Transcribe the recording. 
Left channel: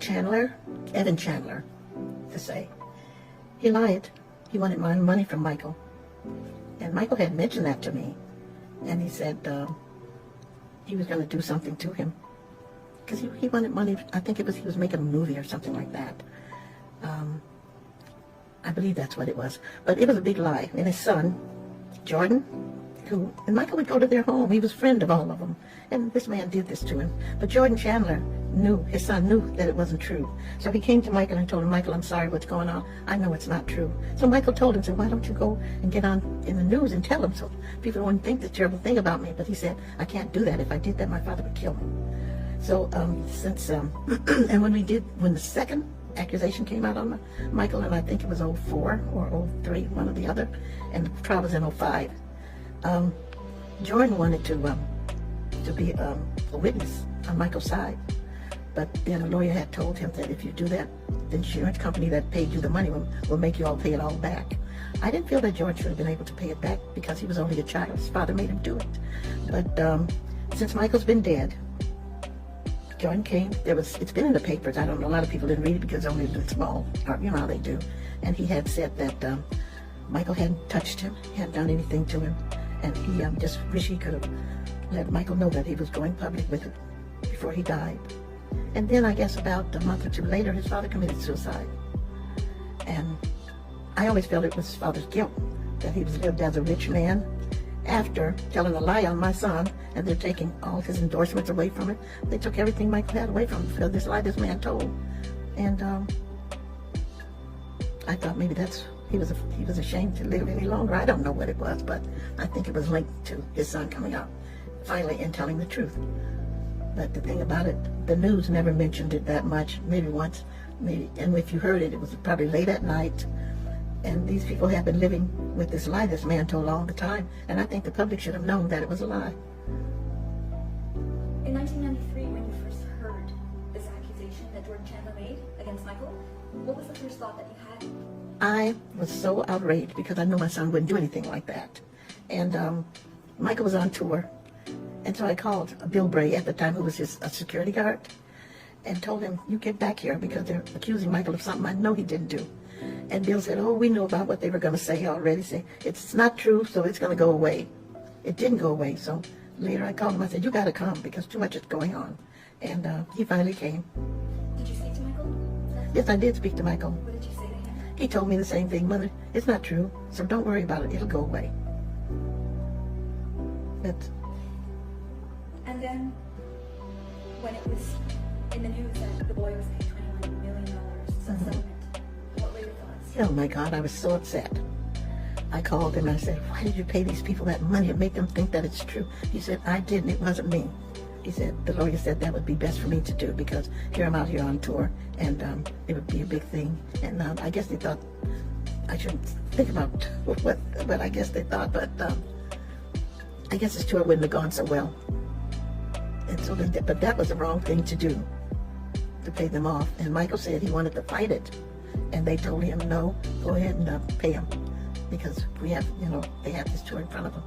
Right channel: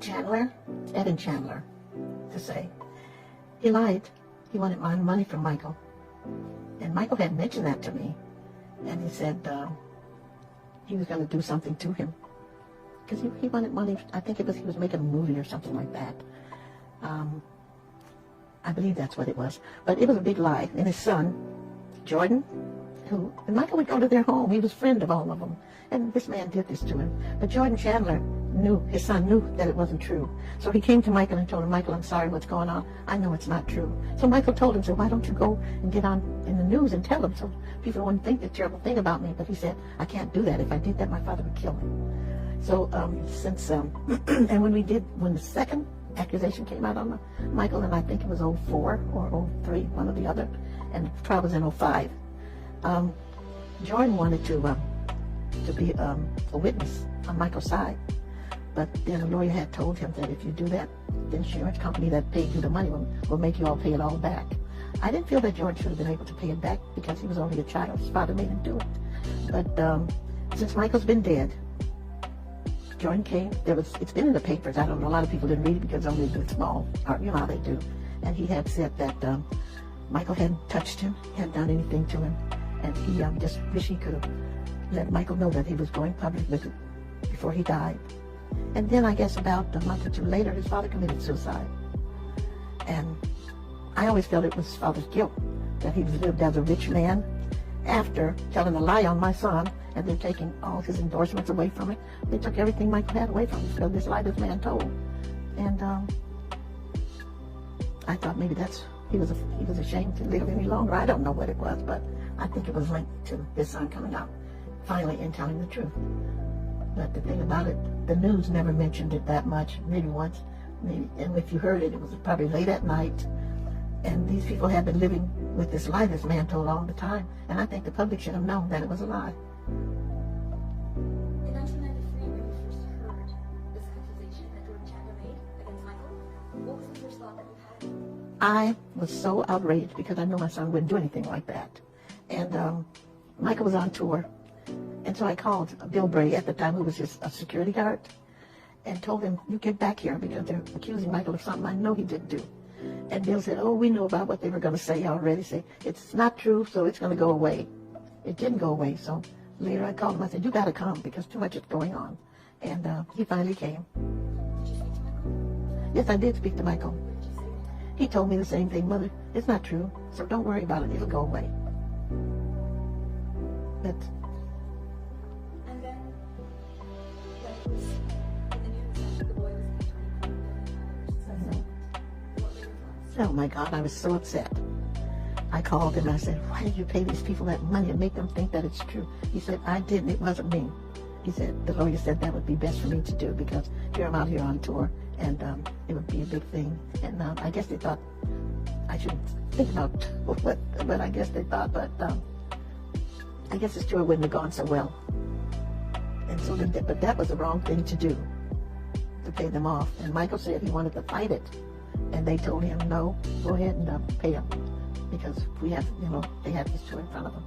Chandler, Evan Chandler, to say. He lied. He wanted my money from Michael. And Michael had mentioned that to me. And he said he was going to do something to him. Because he wanted money. I think he was making a movie or something like that. I believe that's what it was. But it was a big lie. And his son, Jordan, and Michael would go to their home. He was a friend of all of them. And this man did this to him. But Jordan Chandler his son knew that it wasn't true. So he came to Michael and told him, Michael, I'm sorry, what's going on? I know it's not true. So Michael told him, why don't you go and get on in the news and tell them so people wouldn't think the terrible thing about me. But he said, I can't do that. If I did that, my father would kill me. So and when the second accusation came out on Michael, and I think it was 04 or 03, one or the other, and the trial was in 05, Jordan wanted to be a witness on Michael's side. But then a lawyer had told him that if you do that, the insurance company that paid you the money will make you all pay it all back. I didn't feel that George should have been able to pay it back because he was only a child. His father made him do it. But since Michael's been dead, Jordan came. It's been in the papers. I don't know. A lot of people didn't read it because only the small, you know how they do. And he had said that Michael hadn't touched him, hadn't done anything to him, and he just wish he could have let Michael know that he was going public with it before he died. And then I guess about a month or two later, his father committed suicide. And I always felt it was his father's guilt, that he was lived as a rich man after telling a lie on my son, and they're taking all his endorsements away from it. They took everything Michael had away from him because this lie this man told. And I thought maybe he was ashamed to live any longer. I don't know what it was, but I think it was linked to his son coming out finally and telling the truth. But the thing about it, the news never mentioned it that much, maybe once, and if you heard it, it was probably late at night. And these people had been living with this lie this man told all the time, and I think the public should have known that it was a lie. In 1993, when you first heard this accusation that Jordan Chandler made against Michael, what was the first thought that you had? I was so outraged because I knew my son wouldn't do anything like that. And Michael was on tour. And so I called Bill Bray at the time, who was a security guard, and told him, you get back here because they're accusing Michael of something I know he didn't do. And Bill said, oh, we knew about what they were going to say already. Say, it's not true, so it's going to go away. It didn't go away. So later I called him. I said, you got to come because too much is going on. And he finally came. Did you speak to Michael? Yes, I did speak to Michael. What did you say to him? He told me the same thing, Mother, it's not true, so don't worry about it. It'll go away. That's... And then, when it was in the news that the boy was paid $21 million for settlement, what were your thoughts? Oh my God, I was so upset. I called him and I said, why did you pay these people that money and make them think that it's true? He said, I didn't, it wasn't me. He said, the lawyer said that would be best for me to do because here I'm out here on tour and it would be a big thing. And I guess they thought I shouldn't think about what I guess they thought, but I guess his tour wouldn't have gone so well. And so, but that was the wrong thing to do, to pay them off. And Michael said he wanted to fight it. And they told him, no, go ahead and pay him. Because we have, they have this tour in front of them.